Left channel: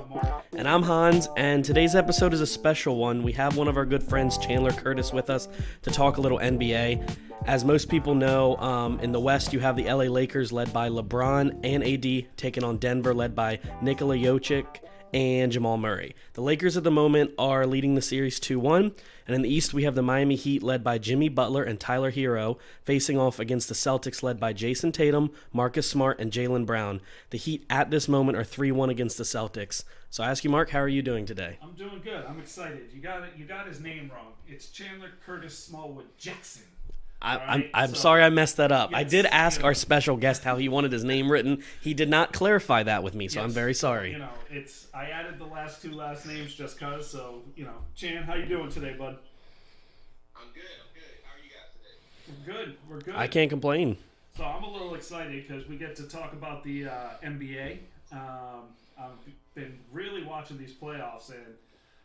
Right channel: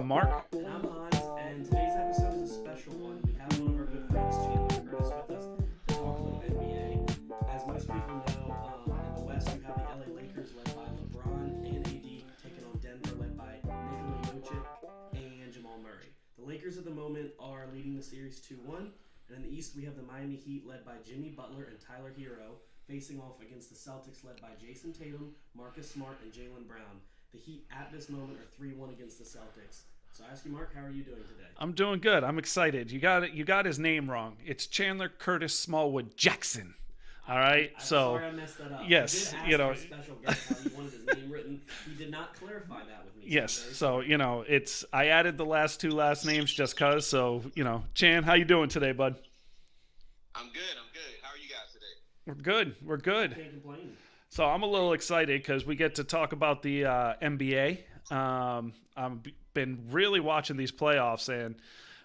I'm Mark. And I'm Hans, and today's episode is a special one. We have one of our good friends, Chandler Curtis, with us to talk a little NBA. As most people know, in the West, you have the LA Lakers led by LeBron and A.D. taking on Denver led by Nikola Jokic and Jamal Murray. The Lakers at the moment are leading the series 2-1, and in the East we have the Miami Heat led by Jimmy Butler and Tyler Hero facing off against the Celtics led by Jason Tatum, Marcus Smart, and Jaylen Brown. The Heat at this moment are 3-1 against the Celtics. So I ask you, Mark, how are you doing today? I'm doing good. I'm excited. You got his name wrong. It's Chandler Curtis Smallwood Jackson. I'm sorry I messed that up. Yes, I did ask our special guest how he wanted his name written. He did not clarify that with me, so I'm very sorry. So, I added the last two last names just cause. So, Chan, how you doing today, bud? I'm good. How are you guys today? We're good. I can't complain. So I'm a little excited because we get to talk about the NBA. I've been really watching these playoffs, and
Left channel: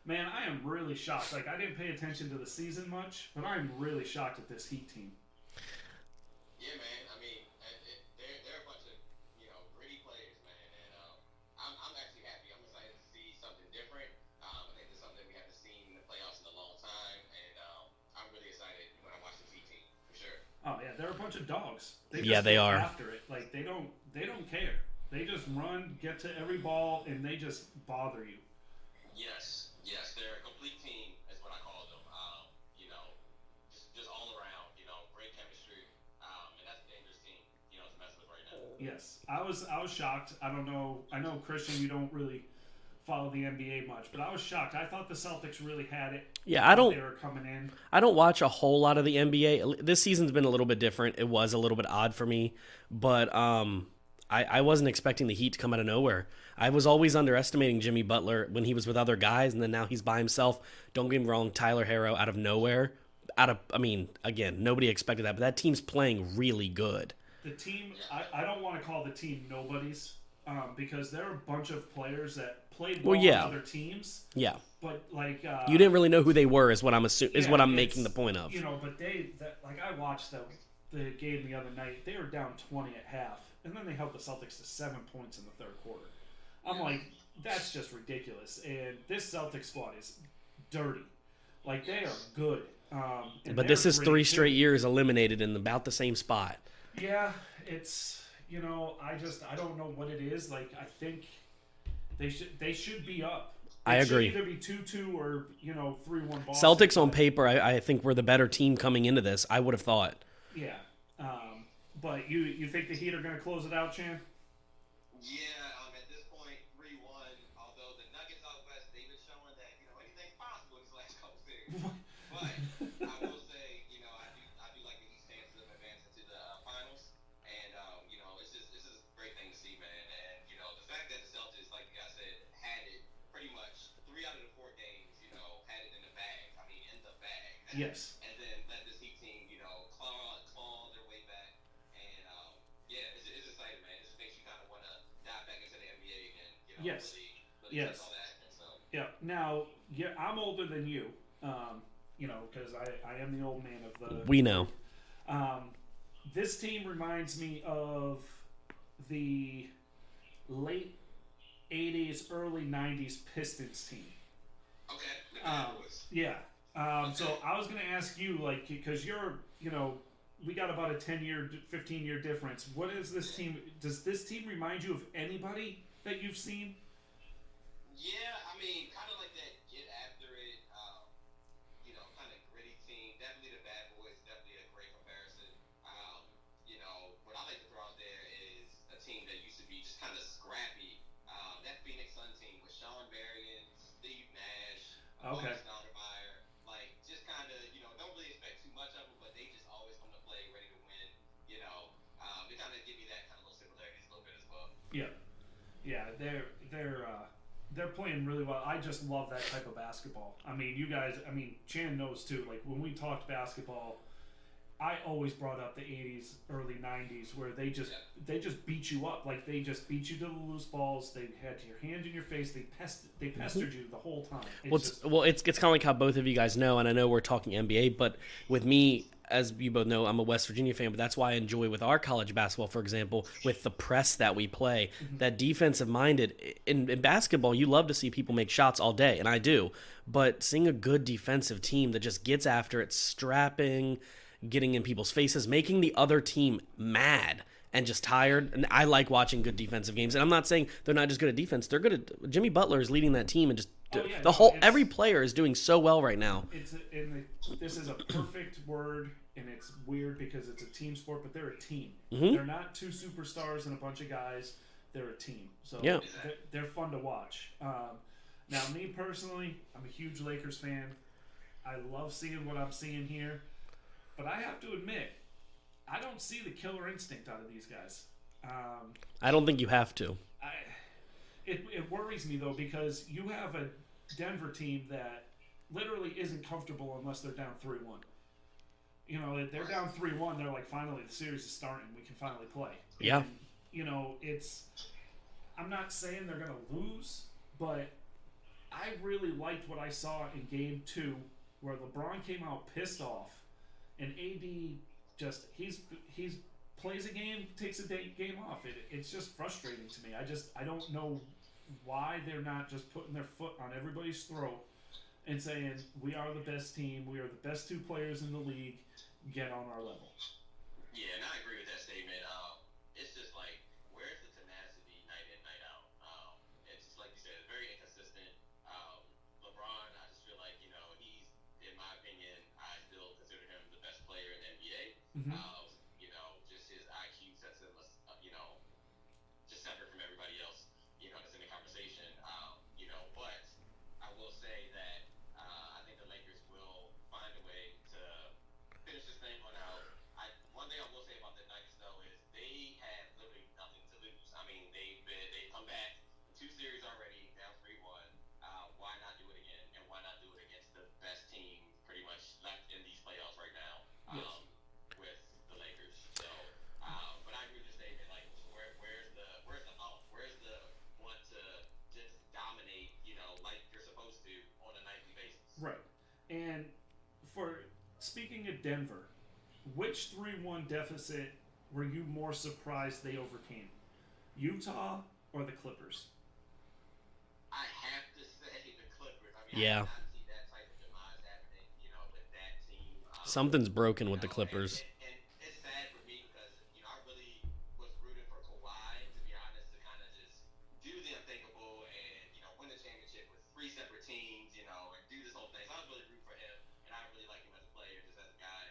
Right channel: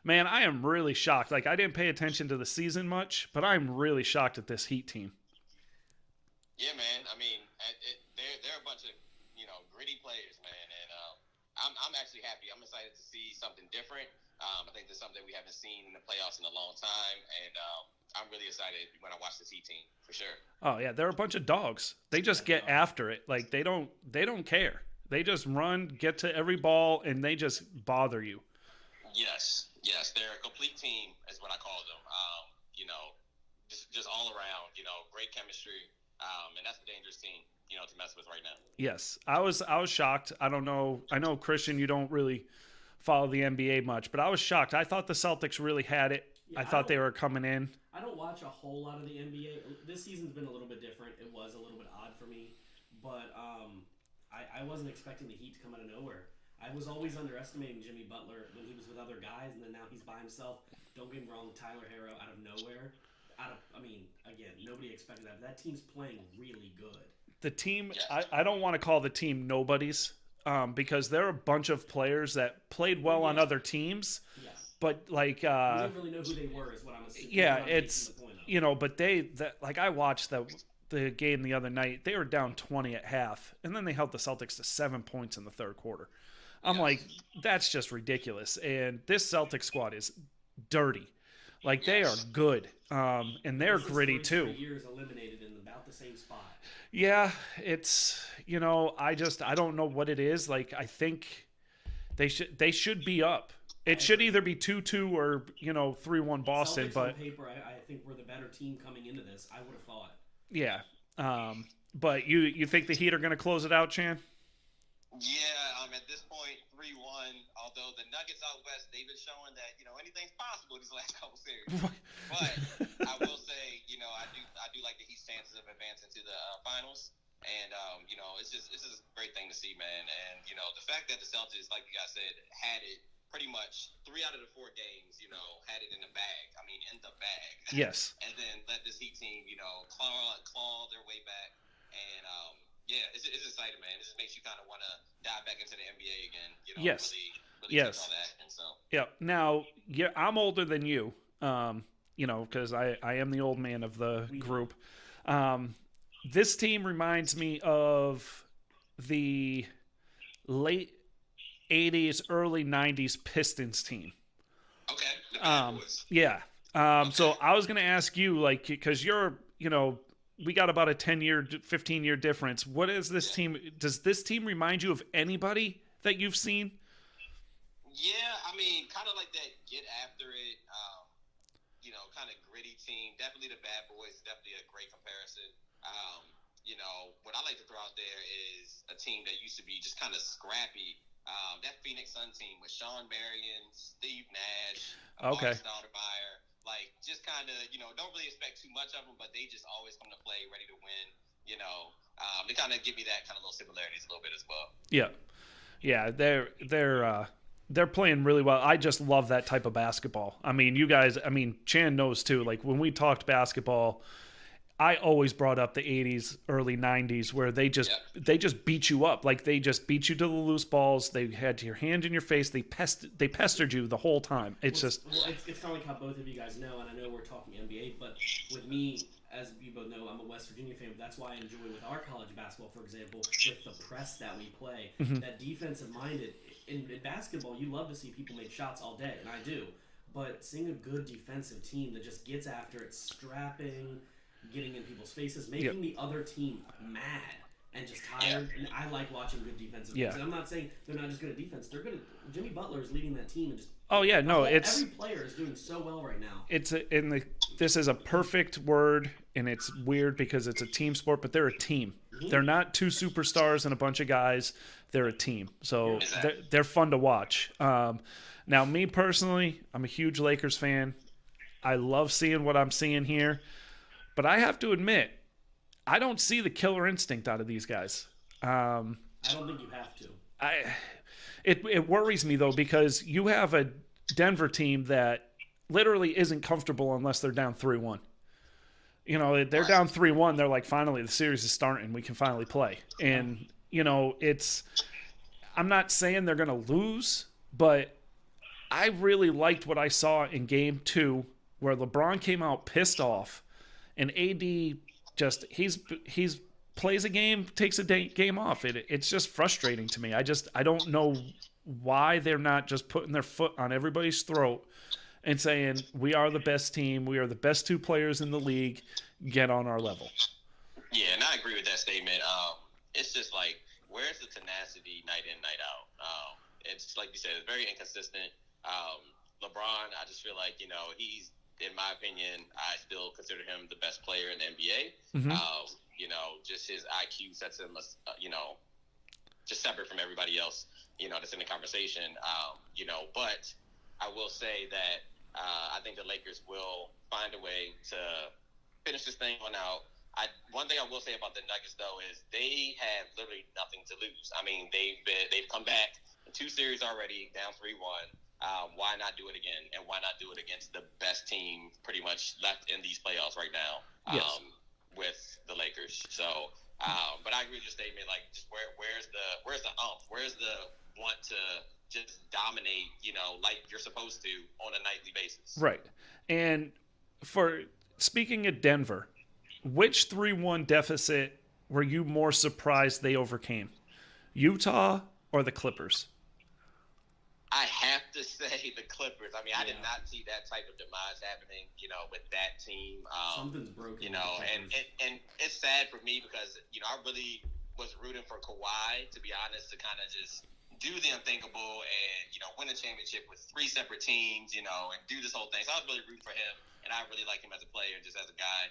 man, I am really shocked. Like, I didn't pay attention to the season much, but I'm really shocked at this Heat team. Yeah, man. I mean, they're a bunch of gritty players, man, and I'm actually happy. I'm excited to see something different. I think there's something we haven't seen in the playoffs in a long time, and I'm really excited when I watch this Heat team for sure. Oh yeah, they're a bunch of dogs. They just get after it. Like they don't care. They just run, get to every ball, and they just bother you. Yes, they're a complete team, is what I call them. Just all around, great chemistry, and that's a dangerous team, to mess with right now. Yes, I was shocked. I don't know. I know, Christian, you don't really follow the NBA much, but I was shocked. I thought the Celtics really had it. Yeah, I thought they were coming in. I don't watch a whole lot of the NBA. This season's been a little bit different. It was a little bit odd for me, but I wasn't expecting the Heat to come out of nowhere. I was always underestimating Jimmy Butler when he was with other guys, and then now he's by himself. Don't get me wrong, Tyler Hero out of nowhere. Again, nobody expected that, but that team's playing really good. The team, I don't want to call the team nobodies because there are a bunch of players that played well on other teams. Yeah. But like you didn't really know who they were, is what I'm assuming. Is what I'm making the point of. But I watched the game the other night. They were down 20 at half, and then they held the Celtics to 7 points in the third quarter. I'm like, that's just ridiculous. And this Celtics squad is dirty. Like, they are good. But this is 3 straight years eliminated in about the same spot. Yeah, it's I don't know what it is. Like, I think they should be up. It should either be 2-2 or 3-1 Boston. Celtics on paper, I think we're the better team coming into this. I would have thought. Yeah, but you think the Heat are going to close it out, Chan? Yeah, at this point, 3-1. Although the Nuggets out west, they've been showing that anything's possible these last couple series. But I will say, I do like the Heat's chances of advancing to the finals, and it's just a great thing to see, man. And the fact that the Celtics, like you guys said, had it pretty much 3 out of the 4 games, had it in the bag. I mean, in the bag. Yes. And then let this Heat team, claw their way back, and it's exciting, man. It just makes you kind of want to dive back into the NBA again. Yes. Really yes. all that. And so. Yeah. Now, I'm older than you. Because I am the old man of the We group. know. This team reminds me of the late 80s, early 90s Pistons team. Okay. Yeah. So I was going to ask you, like, because we got about a 10-year, 15-year difference. What is this team? Does this team remind you of anybody that you've seen? Yeah, I mean, kind of like that get after it, kind of gritty team. Definitely the Bad Boys, definitely a great comparison. What I like to throw out there is a team that used to be just kind of scrappy. That Phoenix Sun team with Sean Marion, Steve Nash, Okay. Stoudemire, like just kind of, don't really expect too much of them, but they just always come to play ready to win. They kind of give me that kind of little similarities a little bit as well. Yeah. Yeah, they're playing really well. I just love that type of basketball. I mean, Chan knows too. Like, when we talked basketball, I always brought up the 80s, early 90s, where they just beat you up. Like, they just beat you to the loose balls. They had your hand in your face. They pestered you the whole time. It's kind of like how both of you guys know, and I know we're talking NBA, but with me, as you both know, I'm a West Virginia fan, but that's why I enjoy with our college basketball, for example, with the press that we play, that defensive minded. In basketball, you love to see people make shots all day, and I do. But seeing a good defensive team that just gets after it, strapping, getting in people's faces, making the other team mad and just tired. And I like watching good defensive games. And I'm not saying they're not just good at defense. They're good at Jimmy Butler is leading that team and just every player is doing so well right now. This is a perfect word, and it's weird because it's a team sport, but they're a team. They're not two superstars and a bunch of guys. They're a team. So they're fun to watch. Now, me personally, I'm a huge Lakers fan. I love seeing what I'm seeing here. But I have to admit, I don't see the killer instinct out of these guys. I don't think you have to. It worries me, though, because you have a Denver team that literally isn't comfortable unless they're down 3-1. You know, they're down 3-1. They're like, finally, the series is starting. We can finally play. And, you know, I'm not saying they're going to lose, but I really liked what I saw in Game 2 where LeBron came out pissed off and A.D. just he's plays a game, takes a game off. It's just frustrating to me. I don't know why they're not just putting their foot on everybody's throat and saying, we are the best team, we are the best two players in the league, get on our level. Yeah, and I agree with that statement. It's just like, where's the tenacity night in, night out? It's like you said, it's very inconsistent. LeBron, I just feel like, you know, he's, in my opinion, I still consider him the best player in the NBA. You know, just his IQ sets him, you know, just separate from everybody else, you know, that's in the conversation. You know, but I will say that I think the Lakers will find a way to finish this thing on out. One thing I will say about the Nuggets, though, is they have literally nothing to lose. I mean, they've come back in 2 series already, down 3-1. Why not do it again? And why not do it against the best team pretty much left in these playoffs right now with the Lakers? So, but I agree with your statement. Like, just where's the umph? Where's the want to just dominate, you know, like you're supposed to on a nightly basis? Right. And speaking of Denver, which 3-1 deficit were you more surprised they overcame? Utah or the Clippers? I have to say the Clippers. I mean, I did not see that type of demise happening, you know, with that team. Something's broken with the Clippers. And it's sad for me because, you know, I really was rooting for Kawhi, to be honest, to kind of just do the unthinkable and, you know, win a championship with 3 separate teams, you know, and do this whole thing. So I was really rooting for him, and I really like him as a player, just as a guy.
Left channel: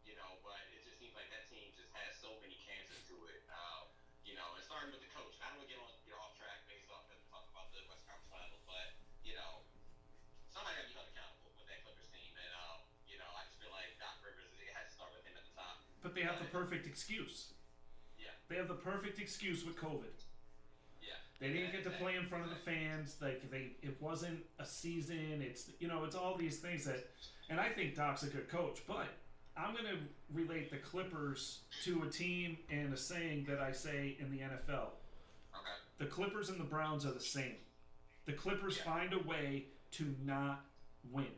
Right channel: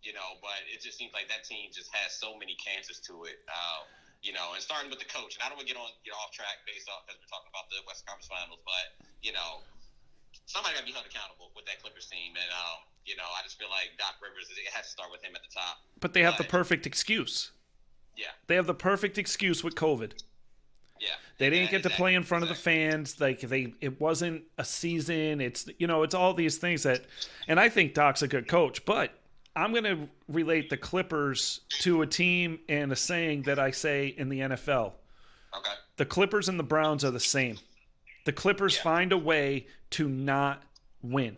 You know, but it just seems like that team just has so many cancers to it. You know, and starting with the coach. And I don't want to get off track based off because we're talking about the Western Conference Finals, but, you know, somebody got to be held accountable with that Clippers team. And, you know, I just feel like Doc Rivers, it has to start with him at the top. But they have the perfect excuse. Yeah. They have the perfect excuse with COVID. Yeah. They didn't get to play in front of the fans. Like it wasn't a season. It's, you know, it's all these things that, and I think Doc's a good coach, but I'm going to relate the Clippers to a team and a saying that I say in the NFL. Okay. The Clippers and the Browns are the same. The Clippers find a way to not win.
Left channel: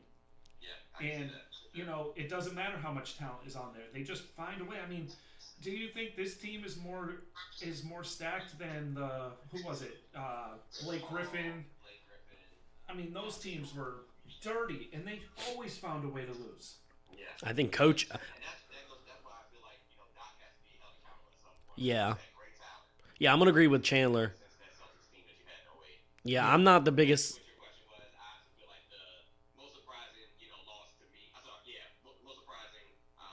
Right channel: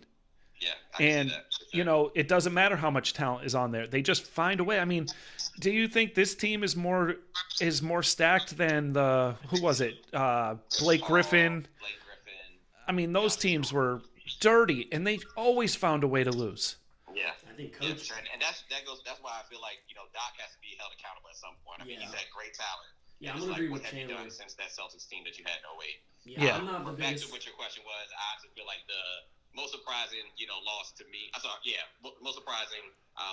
Yeah, I can and see that. you know, it doesn't matter how much talent is on there. They just find a way. I mean, do you think this team is more stacked than the Blake Griffin? I mean, those teams were dirty, and they always found a way to lose. Yeah, I think coach. And that's why I feel like, you know, Doc has to be held accountable at some point. Yeah. He's had great talent. Yeah, I'm gonna agree with Chandler. Since that Celtics team that you had in 08. Yeah, I'm not the biggest. What your question was, I just feel like the most surprising, you know, loss to me. Most surprising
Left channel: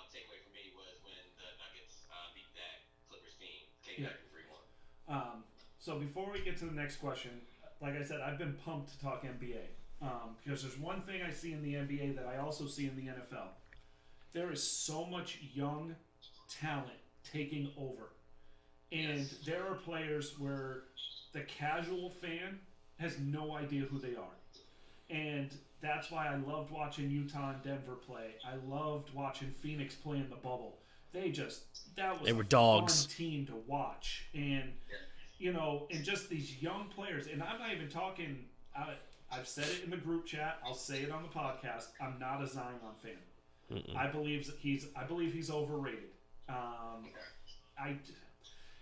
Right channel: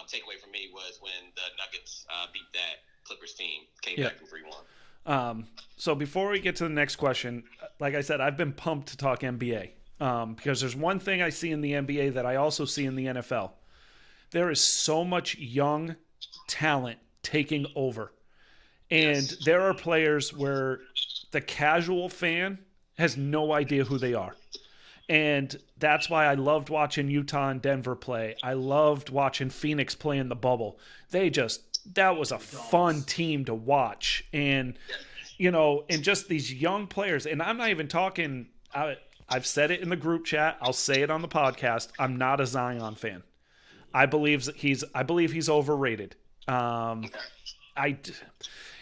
takeaway for me was when the Nuggets beat that Clippers team, came back from 3-1. So before we get to the next question, like I said, I've been pumped to talk NBA because there's one thing I see in the NBA that I also see in the NFL. There is so much young talent taking over. And there are players where the casual fan has no idea who they are. And that's why I loved watching Utah and Denver play. I loved watching Phoenix play in the bubble. That was a fun team to watch. And, you know, and just these young players. And I'm not even talking, I've said it in the group chat. I'll say it on the podcast. I'm not a Zion fan. I believe he's overrated.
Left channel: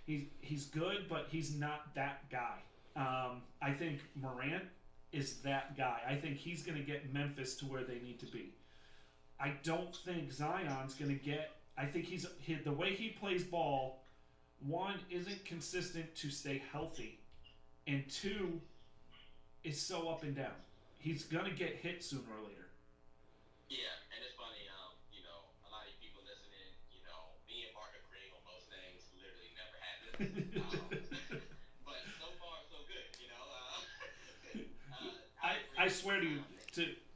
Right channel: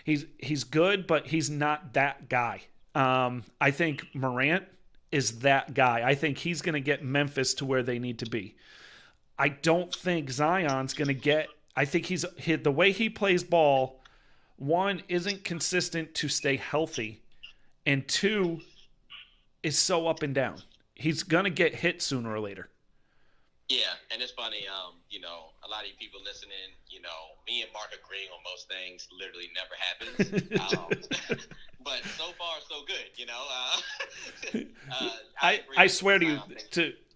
He's good, but he's not that guy. I think Morant is that guy. I think he's going to get Memphis to where they need to be. I don't think Zion's going to get. I think the way he plays ball, one, isn't consistent to stay healthy, and two, is so up and down. He's going to get hit sooner or later. Yeah, and it's funny, a lot of you people listening, me and Mark agreeing on most things literally never happens. But so far, so good, I swear to you,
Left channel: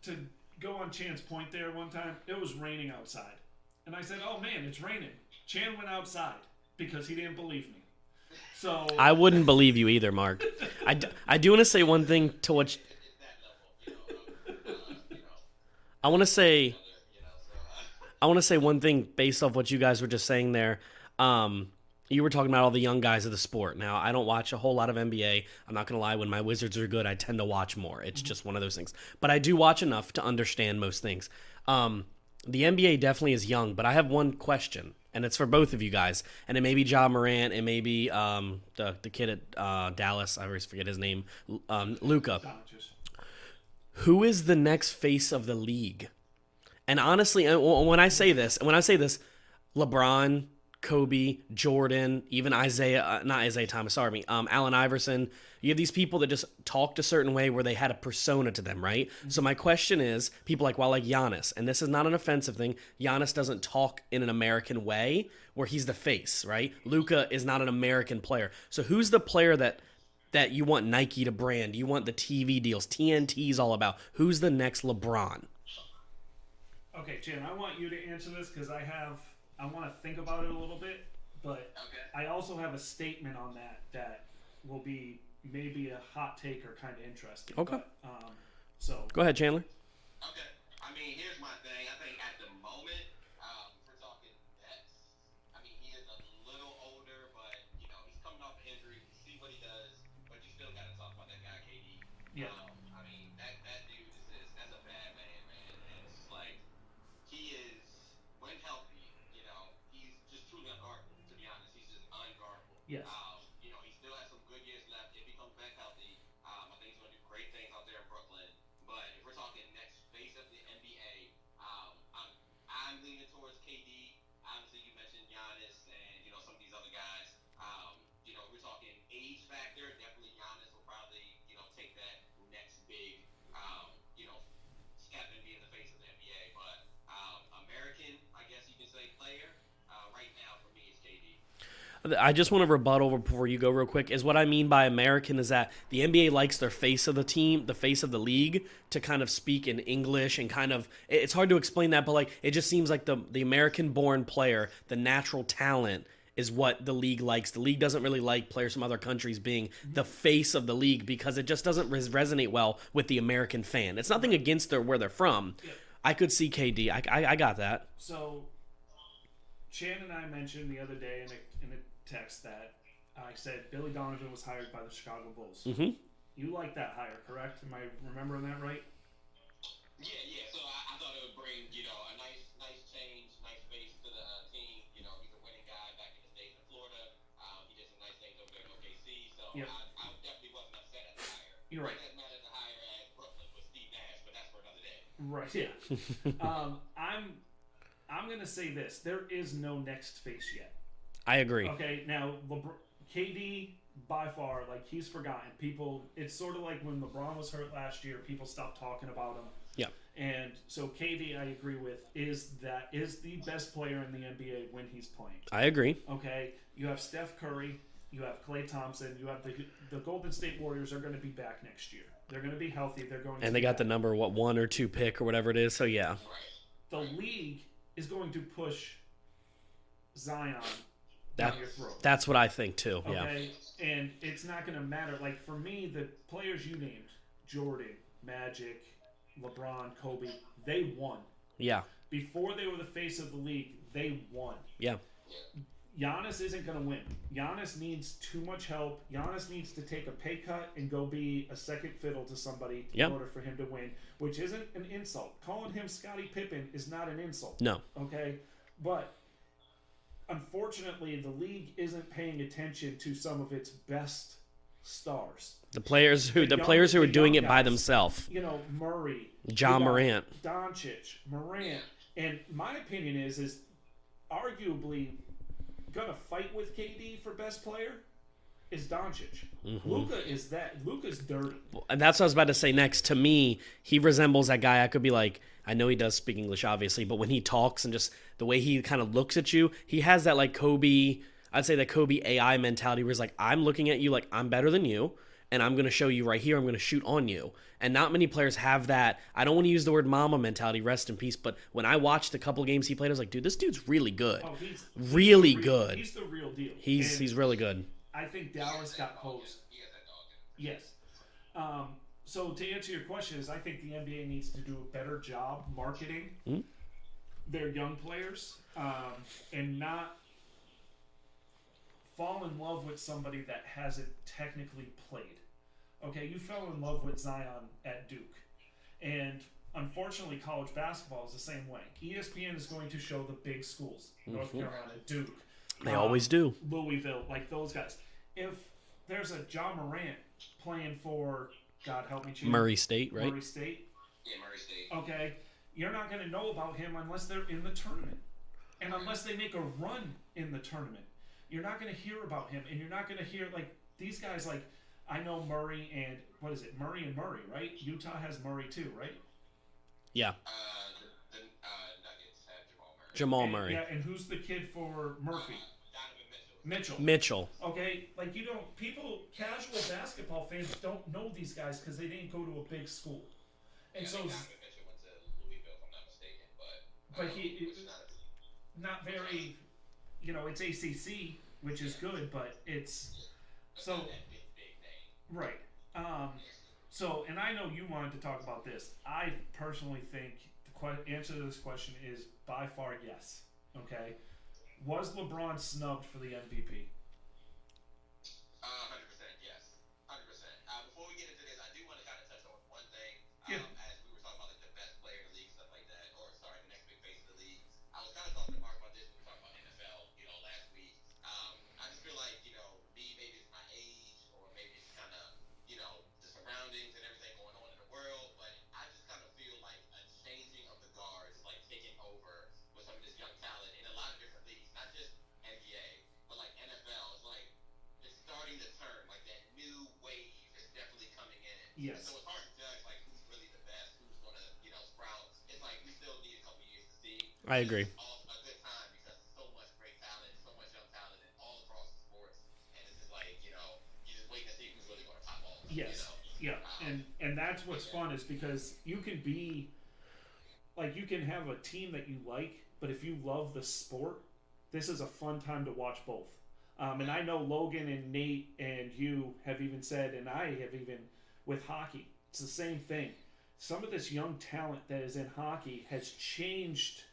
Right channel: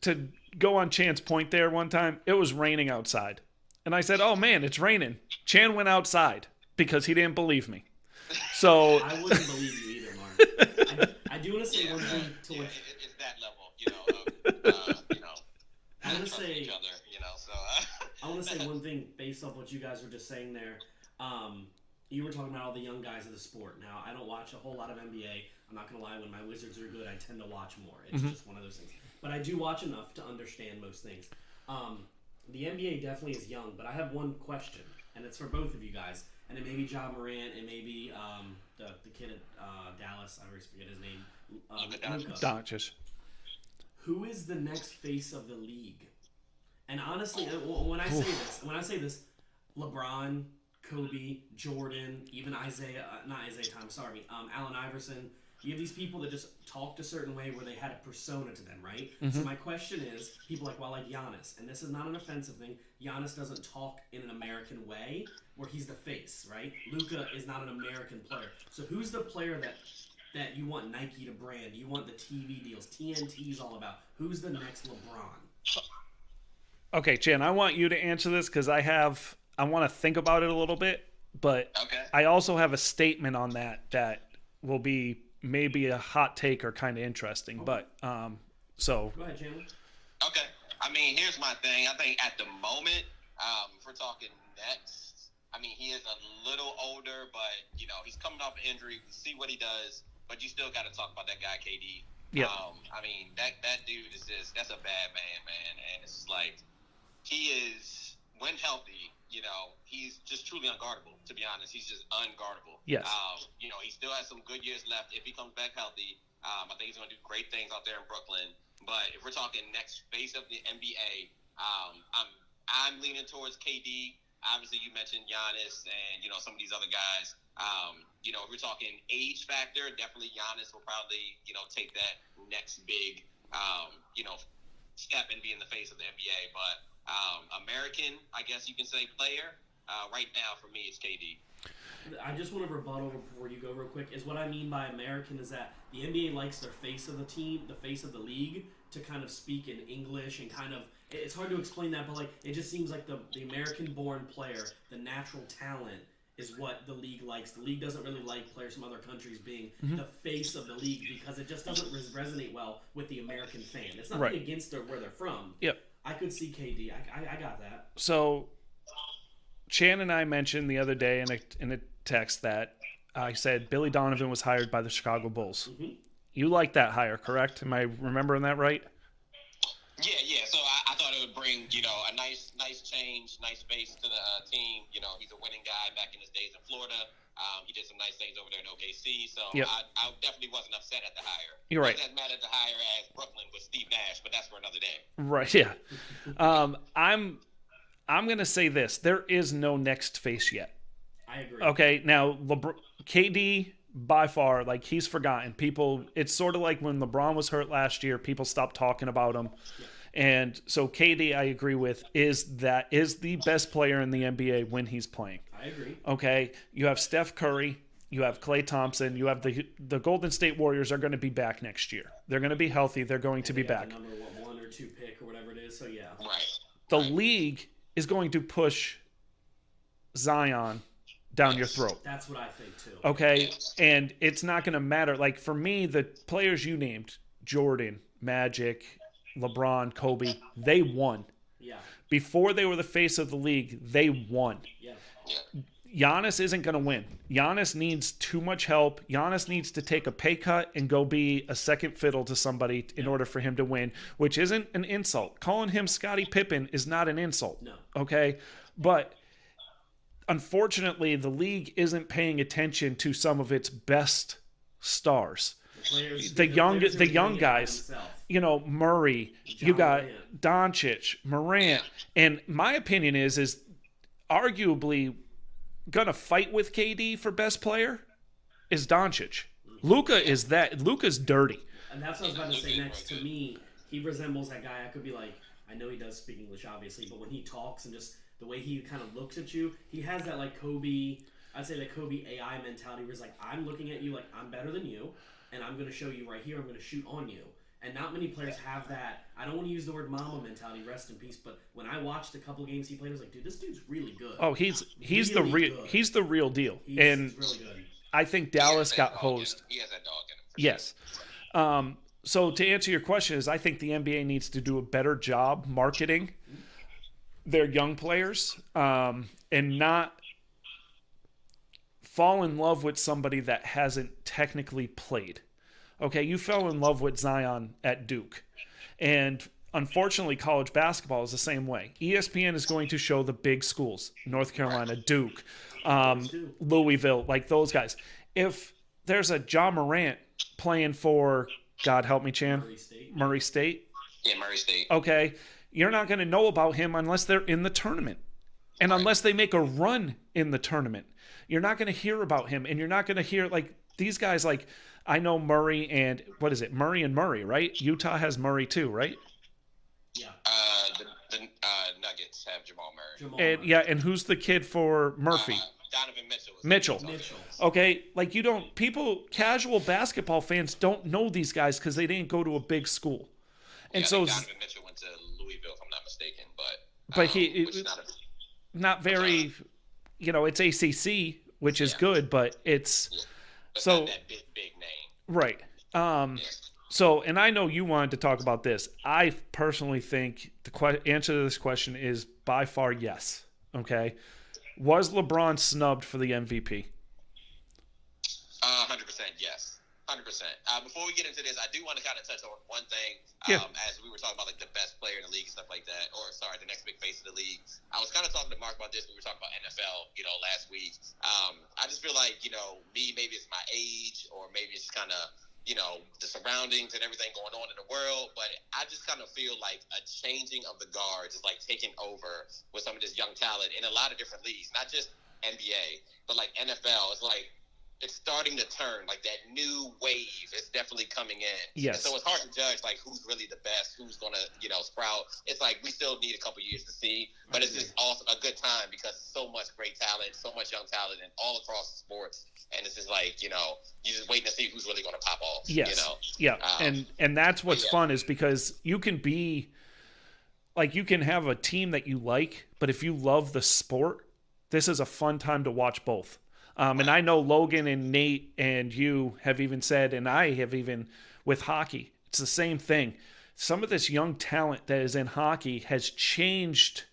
to go on Chan's point there one time, it was raining outside. And I said, oh, man, it's raining. Chan went outside because he didn't believe me. So I wouldn't believe you either, Mark. I do want to say one thing to what... It's that level, I want to say... Other, I want to say one thing based off what you guys were just saying there. You were talking about all the young guys of the sport. Now, I don't watch a whole lot of NBA. I'm not going to lie. When my Wizards are good, I tend to watch more. It's just one of those things. But I do watch enough to understand most things. The NBA definitely is young, but I have one question, and it's for both of you guys. And it may be Ja Morant, it may be the kid at Dallas. I always forget his name. Luka. Who is the next face of the league? And honestly, when I say this, LeBron, Kobe, Jordan, even not Isaiah Thomas, Allen Iverson, you have these people that just talked a certain way where they had a persona to them, right? Mm-hmm. So my question is, people like Giannis, and this is not an offensive thing, Giannis doesn't talk in an American way where he's the face, right? Luka is not an American player. So who's the player that you want Nike to brand? You want the TV deals, TNT's all about. Who's the next LeBron? Okay, Chan, I want you to answer this because I want to think about it a little bit, but okay. I also have a statement on that will be maybe a hot take or kind of interesting. Okay. But so go ahead, Chandler. Okay, I mean, here's my thing. I think at the moment, if we're talking Nets, I mean, he is a little older, but he's coming off an injury. We see what he does, but you still got to talk about that guy, KD. Yeah. I mean, that dude is that's a bad man, and it's like. He is, when healthy, he's just truly unguardable, to be honest. He's just unguardable. Yes. He still has some good years left if he comes back healthy. I think he's going to do great things out there in Brooklyn. But if we're talking next face of the NBA, I'm leaning towards KD. Obviously, you mentioned Giannis and, some of these other guys. If we're talking age factor, definitely Giannis will probably, take that next big, step and be in the face of the NBA. But American, I guess you can say, player. Right now, for me, it's KD. I just want to rebuttal before you go real quick. Is what I mean by American is that the NBA likes their face of the team, the face of the league, to kind of speak in English and kind of – it's hard to explain that, but it just seems like the American-born player, the natural talent is what the league likes. The league doesn't really like players from other countries being the face of the league because it just doesn't resonate well with the American fan. It's nothing against where they're from. Yep. I could see KD. I got that. So Chan and I mentioned the other day in a text that I said Billy Donovan was hired by the Chicago Bulls. Mm-hmm. You like that hire, correct? Am I remembering that right? Yeah. So I thought it would bring, a nice change, nice face to the team. He's a winning guy back in his days in Florida. He did some nice things over there in OKC. So yep. I definitely wasn't upset at the hire. You're right. I wasn't as mad at the hire as Brooklyn with Steve Nash, but that's for another day. Right, yeah. I'm going to say this. There is no next face yet. I agree. Okay, now KD, by far, he's forgotten. People, it's sort of like when LeBron was hurt last year, people stopped talking about him. Yeah. And so KD, I agree with, is the best player in the NBA when he's playing. I agree. Okay, you have Steph Curry, you have Klay Thompson, you have the Golden State Warriors are going to be back next year. They're going to be healthy. They're going to be back. And they got the number 1 or 2 pick or whatever it is. So yeah. Right. The league is going to push Zion down your throat. That's what I think too. Okay, yeah. And it's not going to matter. For me, the players you named, Jordan, Magic, LeBron, Kobe, they won. Yeah. Before they were the face of the league, they won. Yeah. Giannis isn't going to win. Giannis needs too much help. Giannis needs to take a pay cut and go be a second fiddle to somebody in order for him to win, which isn't an insult. Calling him Scottie Pippen is not an insult. No. Okay? But unfortunately, the league isn't paying attention to some of its best stars. The players who are doing it by themselves. You know, Murray, Ja Morant, Doncic, Morant. And my opinion is arguably gonna fight with KD for best player is Doncic. Luka's dirty. And that's what I was about to say next. To me, he resembles that guy. I could be like, I know he does speak English, obviously, but when he talks and just the way he kind of looks at you, he has that like Kobe, I'd say that Kobe AI mentality where it's like, I'm looking at you like I'm better than you, and I'm going to show you right here, I'm going to shoot on you. And not many players have that. I don't want to use the word mama mentality, rest in peace, but when I watched a couple games he played, I was like, dude, this dude's really good. Oh, he's really good. good. He's the real deal. He's really good. I think Dallas got hosed. He has that dog in him. Yes. So to answer your question is I think the NBA needs to do a better job marketing their young players and not fall in love with somebody that hasn't technically played. Okay, you fell in love with Zion at Duke. And unfortunately, college basketball is the same way. ESPN is going to show the big schools, North Carolina, Duke. They always do. Louisville, like those guys. If there's a Ja Morant playing for, God help me, Chan. Murray State, right? Murray State. Yeah, Murray State. Okay, you're not going to know about him unless they're in the tournament. And unless they make a run in the tournament. You're not going to hear about him. And you're not going to hear, like, these guys, like, I know Murray and, what is it? Murray and Murray, right? Utah has Murray too, right? Yeah. The Nuggets have Jamal Murray. And, yeah, and who's the kid for Murphy? Donovan Mitchell. Okay, like casual basketball fans don't know these guys because they didn't go to a big school. And so Donovan Mitchell went to Louisville, if I'm not mistaken, but not very, it's ACC, which is good, but it's but so not that big name. Right. So, and I know you wanted to talk about this. I personally think the answer to this question is by far yes. Okay. Was LeBron snubbed for the MVP? 100% yes. 100%. Before we get into this, I do want to kind of touch on one thing. As we were talking about like the best player in the league and stuff like that, or sorry, the next big face of the league. I was kind of talking to Mark about this. We were talking about NFL, last week. I just feel like, maybe it's my age, or maybe it's kind of, the surroundings and everything going on in the world. But I just kind of feel like a changing of the guards is like taking over with some of this young talent in a lot of different leagues, not just NBA, but like NFL. It's like, it's starting to turn, like that new wave is definitely coming in. Yes. And so it's hard to judge like who's really the best, who's gonna, sprout. It's like we still need a couple years to see. But I agree. It's awesome, a good time because so much great talent, so much young talent, and all across the sports. And it's just like, you're just waiting to see who's really gonna pop off. Yes. Yeah. And that's what's fun is because you can be like, you can have a team that you like, but if you love the sport, this is a fun time to watch both. And I know Logan and Nate and you have even said, and I have even with hockey, it's the same thing. Some of this young talent that is in hockey has changed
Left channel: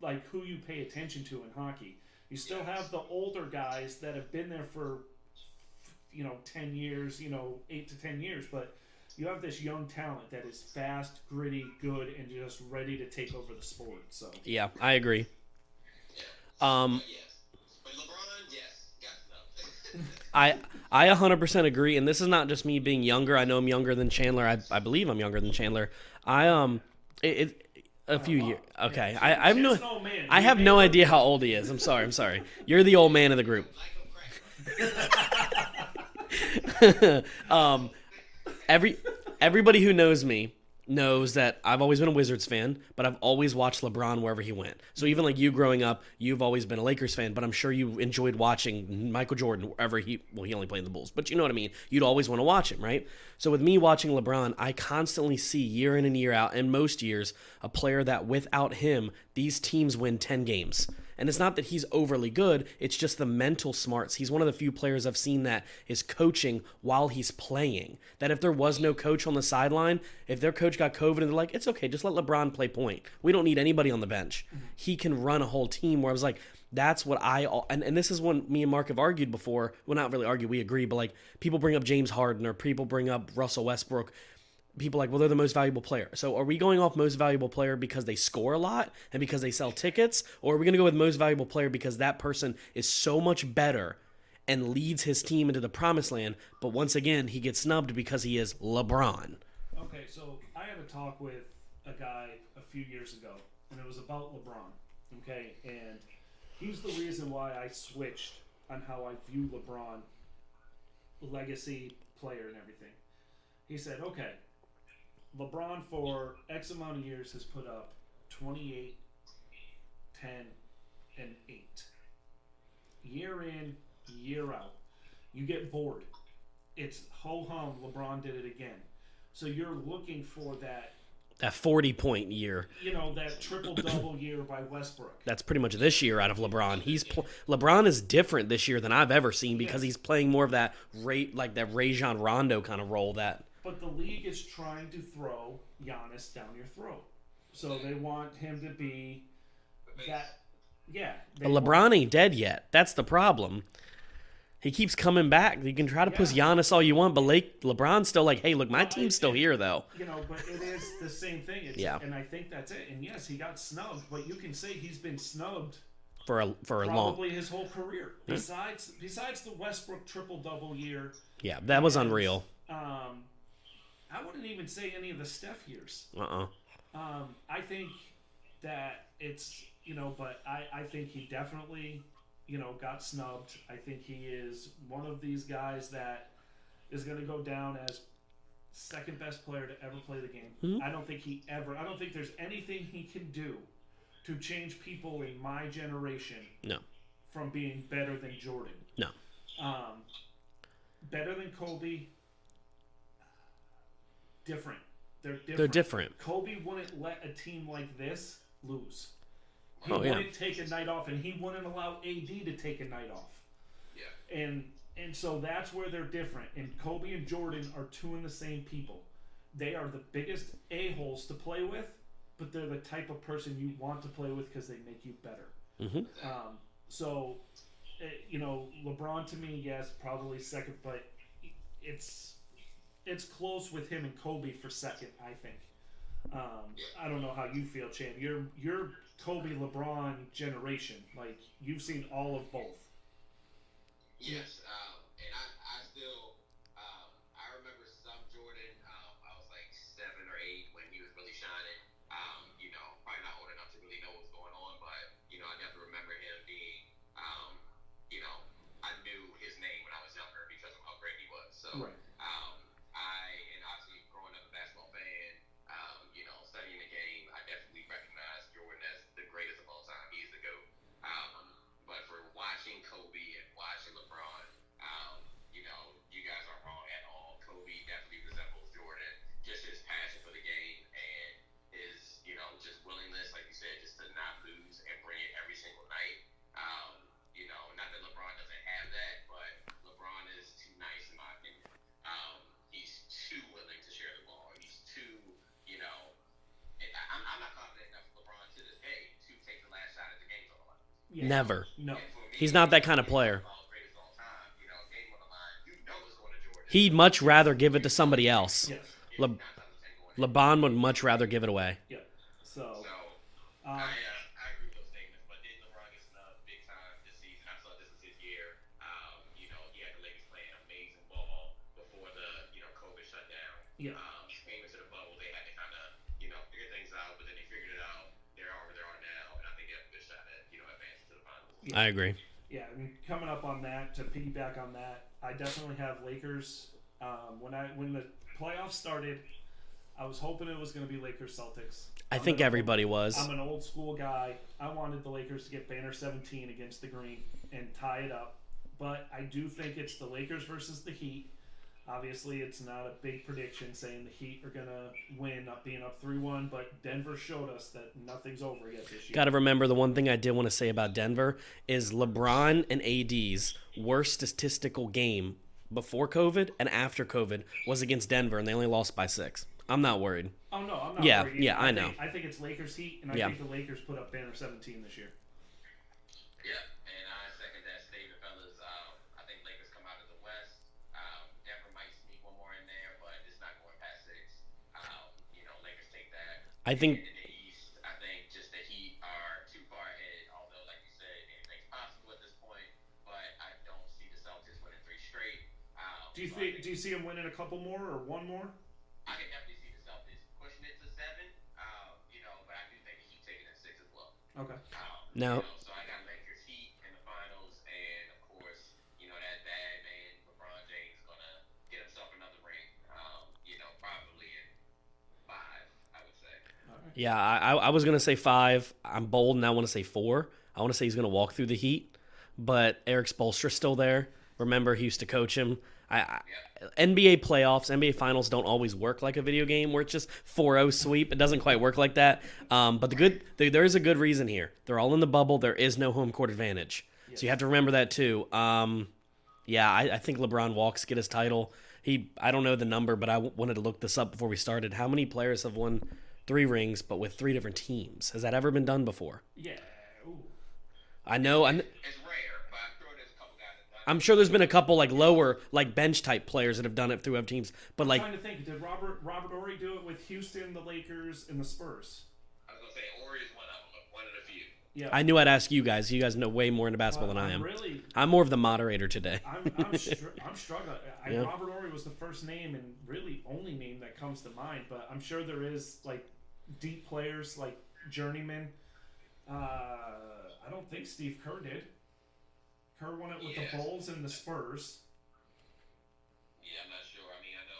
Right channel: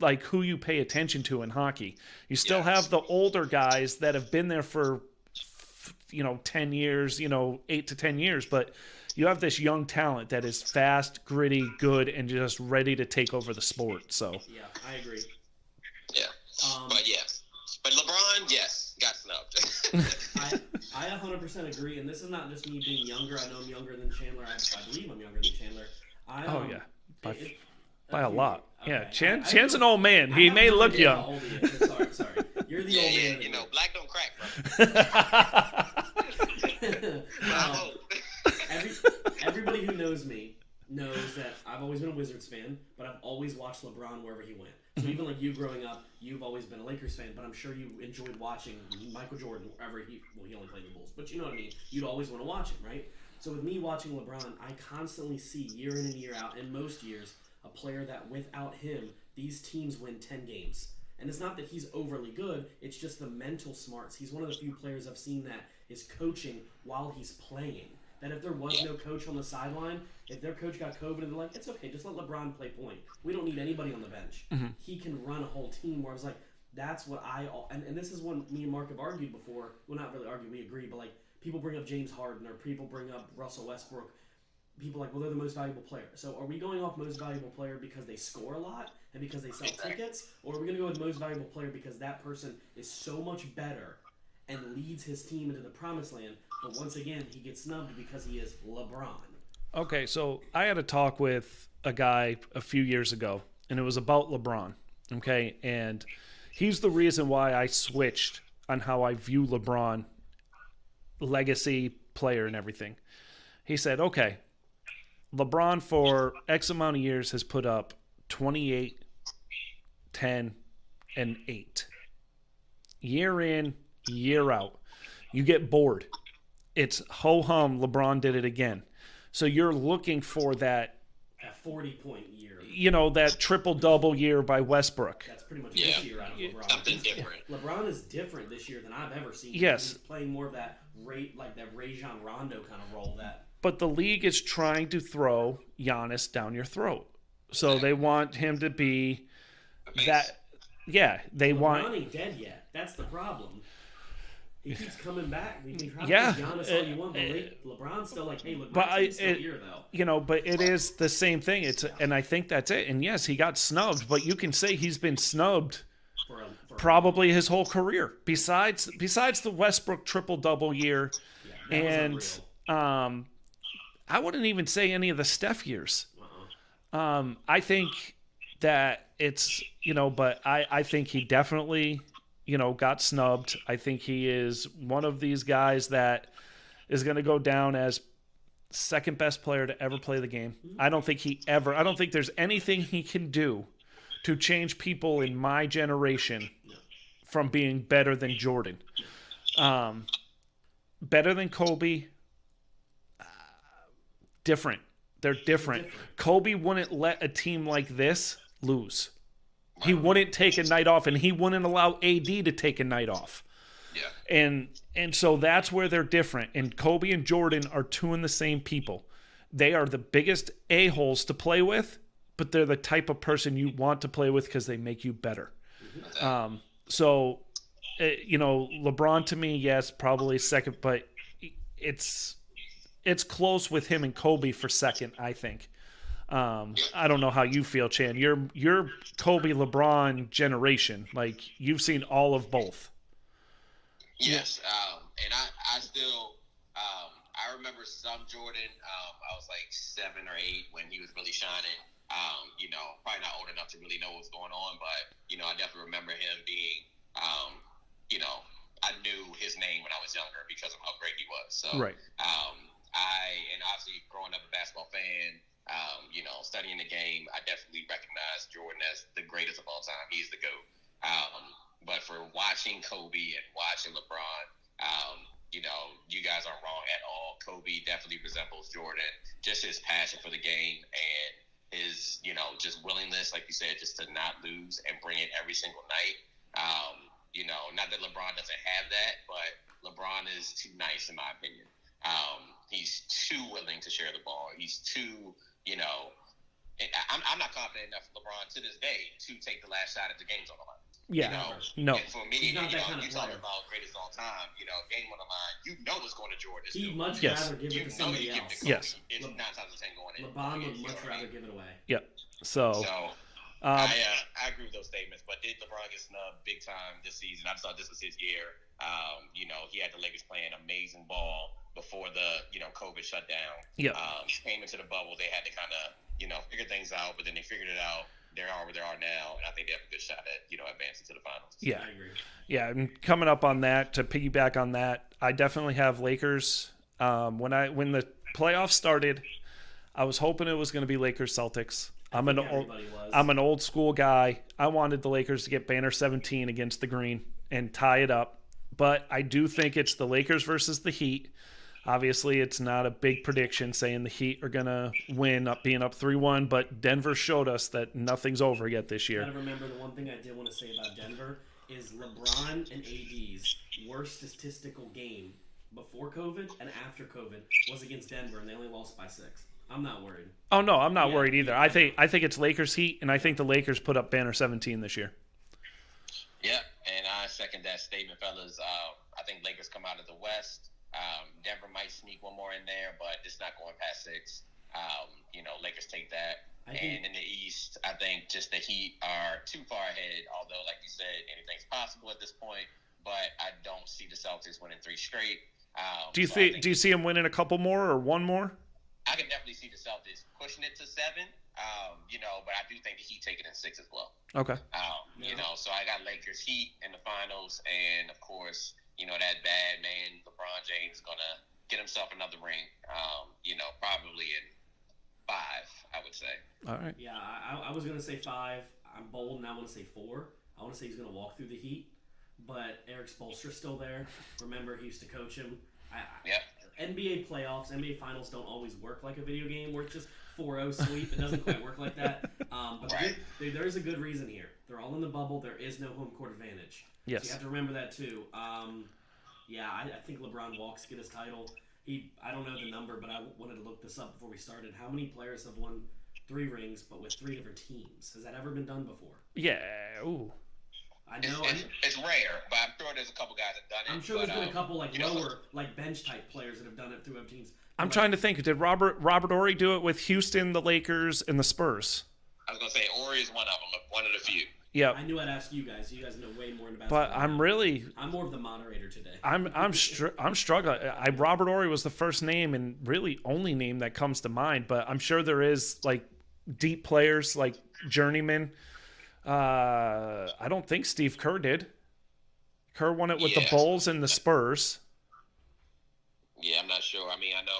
like who you pay attention to in hockey. You still have the older guys that have been there for, 10 years, 8 to 10 years, but you have this young talent that is fast, gritty, good, and just ready to take over the sport. So yeah, I agree. Yeah. But yes. But LeBron, yes, got snubbed. I 100% agree, and this is not just me being younger. I know I'm younger than Chandler. I believe I'm younger than Chandler. A few years. Okay, yeah. Chan's an old man. I have no idea how old he is. I'm sorry. You're the old man of the group. Black don't crack, bro. Everybody who knows me knows that I've always been a Wizards fan, but I've always watched LeBron wherever he went. So even like you growing up, you've always been a Lakers fan, but I'm sure you enjoyed watching Michael Jordan wherever he only played in the Bulls, but you know what I mean? You'd always want to watch him, right? So with me watching LeBron, I constantly see year in and year out, and most years, a player that without him, these teams win 10 games. And it's not that he's overly good, it's just the mental smarts. He's one of the few players I've seen that is coaching while he's playing. That if there was no coach on the sideline, if their coach got COVID and they're like, it's okay, just let LeBron play point. We don't need anybody on the bench. Mm-hmm. He can run a whole team where I was like, That's what and this is when me and Mark have argued before. Well, not really argue, we agree, but like people bring up James Harden or people bring up Russell Westbrook. People like, well, they're the most valuable player. So are we going off most valuable player because they score a lot and because they sell tickets? Or are we going to go with most valuable player because that person is so much better and leads his team into the promised land? But once again, he gets snubbed because he is LeBron. Okay, so I had a talk with a guy a few years ago, and it was about LeBron. Okay, and he's the reason why I switched on how I view LeBron, legacy player and everything. He said, okay, LeBron for X amount of years has put up 28, 10, and 8. Year in, year out. You get bored. It's ho-hum, LeBron did it again. So you're looking for that 40-point year. You know, that triple-double year by Westbrook. That's pretty much this year out of LeBron. LeBron is different this year than I've ever seen because he's playing more of that Rajon Rondo kind of role. But the league is trying to throw Giannis down your throat. So they want him to be that. Yeah. LeBron ain't dead yet. That's the problem. He keeps coming back. You can try to push Giannis all you want, but LeBron's still like, hey, look, my team's still here, though. You know, but it is the same thing. And I think that's it. And yes, he got snubbed, but you can say he's been snubbed for probably his whole career. Besides the Westbrook triple-double year. Yeah, that was unreal. I wouldn't even say any of the Steph years. I think that it's, but I think he definitely, got snubbed. I think he is one of these guys that is going to go down as second best player to ever play the game. I don't think there's anything he can do to change people in my generation from being better than Jordan. Better than Kobe. Different. They're different. Kobe wouldn't let a team like this lose. He wouldn't take a night off, and he wouldn't allow A.D. to take a night off. Yeah. And so that's where they're different. And Kobe and Jordan are two and the same people. They are the biggest a-holes to play with, but they're the type of person you want to play with because they make you better. So, LeBron to me, yes, probably second, but it's close with him and Kobe for second, I think. I don't know how you feel, Chan. You're Kobe LeBron generation. Like, you've seen all of both. Yes, and I still I remember some Jordan. I was like 7 or 8 when he was really shining. Probably not old enough to really know what's going on, but I definitely remember him being I knew his name when I was younger because of how great he was. So right. And obviously growing up a basketball fan, studying the game, I definitely recognize Jordan as the greatest of all time. He's the GOAT. But for watching Kobe and watching LeBron, you guys aren't wrong at all. Kobe definitely resembles Jordan. Just his passion for the game and his, just willingness, like you said, just to not lose and bring it every single night. Not that LeBron doesn't have that, but LeBron is too nice in my opinion. He's too willing to share the ball. He's too, I'm not confident enough in LeBron to this day to take the last shot at the game's on the line. Yeah, never. No, me, he's not that kind of player. Greatest of all time, game on the line. It's going to Jordan. He'd much rather give it to somebody else. Yes. LeBron would much rather give it away. Yep. So I agree with those statements. But did LeBron get snubbed big time this season? I thought this was his year. He had the Lakers playing amazing ball before the COVID shutdown. Yeah. Came into the bubble. They had to kind of figure things out, but then they figured it out. They are where they are now, and I think they have a good shot at advancing to the finals. Yeah, I agree. Yeah, and coming up on that, to piggyback on that, I definitely have Lakers. When the playoffs started, I was hoping it was going to be Lakers Celtics. I think everybody was. I'm an old school guy. I wanted the Lakers to get banner 17 against the Green and tie it up, but I do think it's the Lakers versus the Heat. Obviously, it's not a big prediction saying the Heat are going to win, being up 3-1, but Denver showed us that nothing's over yet this year. Got to remember, the one thing I did want to say about Denver is LeBron and AD's worst statistical game before COVID and after COVID was against Denver, and they only lost by 6. I'm not worried. Oh, no, I'm not worried either. Yeah, I think it's Lakers Heat, and I think the Lakers put up banner 17 this year. Yep, and I second that statement, fellas. I think Lakers come out of the West. Denver might sneak one more in there, but it's not going past 6. Lakers take that. I think, and in the East, I think just the Heat are too far ahead. Although, like you said, anything's possible at this point. But I don't see the Celtics winning 3 straight. Do you see them winning a couple more or one more? I can definitely see the Celtics pushing it to 7. But I do think the Heat take it in 6 as well. Okay. So I got Lakers Heat in the finals, and of course, that bad man LeBron James gonna get himself another ring. Probably in 5, I would say. All right. Yeah, I was gonna say 5. I'm bold, and I want to say 4. I want to say he's gonna walk through the Heat, but Eric Spoelstra's still there. Remember, he used to coach him. NBA playoffs, NBA finals don't always work like a video game where it's just 4-0 sweep. It doesn't quite work like that. But there is a good reason here. They're all in the bubble. There is no home court advantage. Yes. So you have to remember that too. I think LeBron walks, get his title. I don't know the number, but I wanted to look this up before we started. How many players have won 3 rings but with 3 different teams? Has that ever been done before? Yeah. Ooh. I know. It's rare, but I'm sure there's a couple guys that done it. I'm sure there's been a couple lower, bench type players that have done it through other teams. But I'm trying to think. Did Robert Horry do it with Houston, the Lakers, and the Spurs? I was gonna say Horry is one of them, one of the few. Yeah. I knew I'd ask you guys. You guys know way more into basketball than I am. I'm more of the moderator today. I'm struggling. Robert Horry was the first name and really only name that comes to mind. But I'm sure there is deep players like journeymen. I don't think Steve Kerr did. Kerr won it with the Bulls and the Spurs. Yeah, I'm not sure. I mean, I know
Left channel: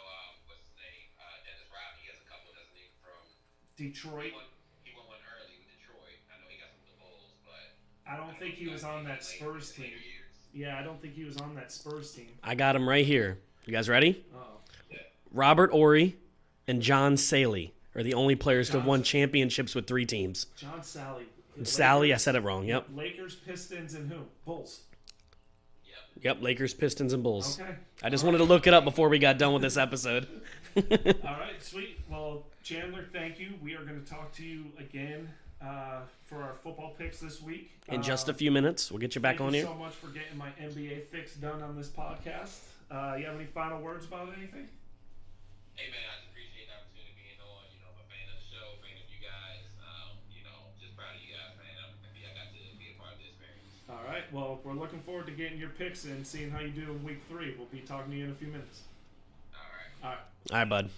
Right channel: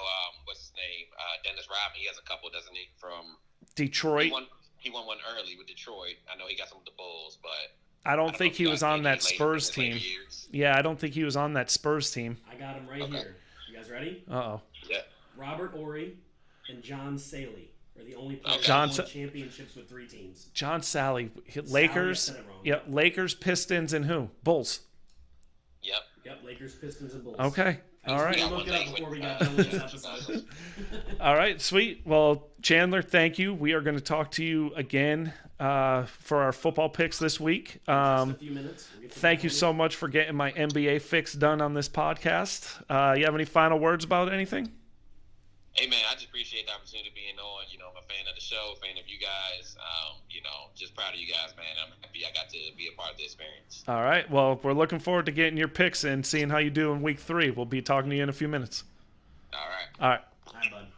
what's his name, Dennis Rodman. He has a couple, doesn't he? From Detroit. He won one early with Detroit. I know he got some with the Bulls, but I don't think he was on that Spurs team. Yeah, I don't think he was on that Spurs team. I got him right here. You guys ready? Uh-oh. Yeah. Robert Horry and John Saley are the only players that won championships with 3 teams. John Sally. Sally, I said it wrong. Yep. Lakers, Pistons, and who? Bulls. Yep. Lakers, Pistons, and Bulls. Okay. I just wanted to look it up before we got done with this episode. All right, sweet. Well, Chandler, thank you. We are going to talk to you again for our football picks this week. In just a few minutes. We'll get you back on Thank you so much for getting my NBA fix done on this podcast. You have any final words about anything? Hey, man, I just appreciate the opportunity of being on. I'm a fan of the show, fan of you guys. Just proud of you guys, man. I'm happy I got to be a part of the experience. All right. Well, we're looking forward to getting your picks and seeing how you do in week 3. We'll be talking to you in a few minutes. All right. All right. All right, bud.